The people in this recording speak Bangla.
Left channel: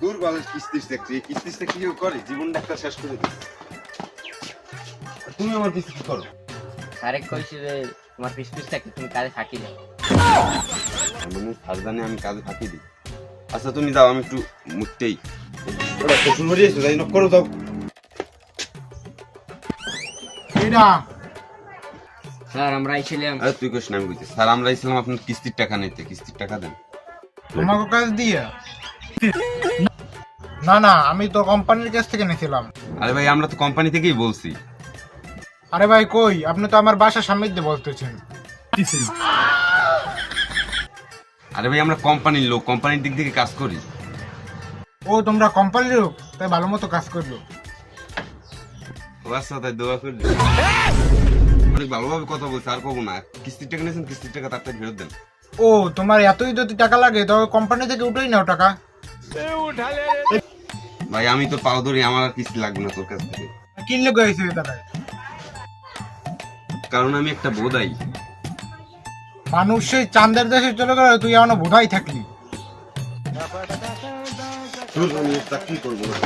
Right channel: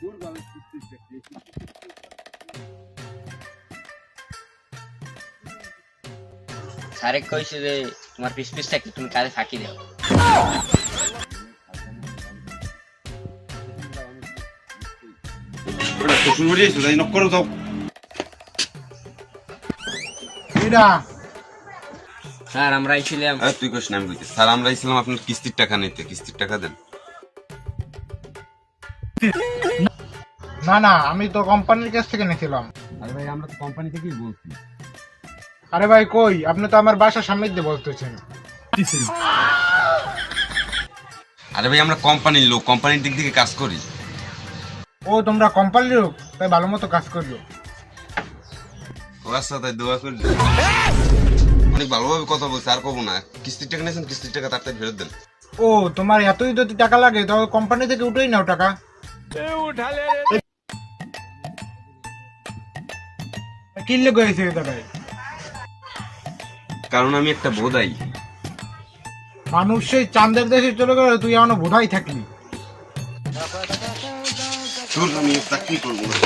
দূর বলের কিস্তিস দেখছি, এই কিস্তিসটা কি কেউ করে? জীবনটা একটা শেষ করে দিচ্ছে। তুমি আমার কিস্তিস করো। স্যারে কইছে যে তোমার পিস থাকলে তুমি কাজে ফাঁকি দাও। মানে সাবধানে আমি কাজে ফাঁকি দিই। আচ্ছা তুমি যাও, আমি একটু মুখতেই ওটা শ্বশুর বাড়ি এসো, যাই নক করো যাও। স্যার আমরা আইছিলাম। তুই কোশ না, আমি বুঝতে স্যার আমরা ইসলাম আপনার কিস্তির টাকা নিতে, কিস্তির টাকা দেন। তোমাকে কাজ দিয়ে? না না, আমি তো কোম্পানির কাছ থেকে নিয়েছিলাম। আরে ভাই আমরা তো কোম্পানি থেকেই বলছি। আরে ভাই কই, আপনি তো আমার বাসার সামনে দিয়ে বলতেছেন। আরে ভাই আমরা কোম্পানির লোক, কোম্পানির দিক থেকে কাজ করি। ও তোমরা কোম্পানির লোক, তাই ভালো মতো কাজ করলো। ও আচ্ছা, তাই দোয়া করি। অনেক ভালোভাবে কথা বলছে, আর কবো না। কিস্তির টাকা নিয়েছেন, কিস্তির টাকা তাড়াতাড়ি ফেরত দেন। ও তোমার এতই যদি টাকা লাগে তবে কোম্পানি থেকে উঠেই নাও টাকা। ভাই আমি তো পাও ধরি, আমার আর কিস্তি লাগবে না তোর কাছ থেকে। কিনলে গেছে টাকায়। কারণ আমি একটা বোধাই। মানুষ সেই চাঁদের দেশে চলে গেল, তুই এখনো বোধাই থাকলি। তোর আমি চাকরি করবো না।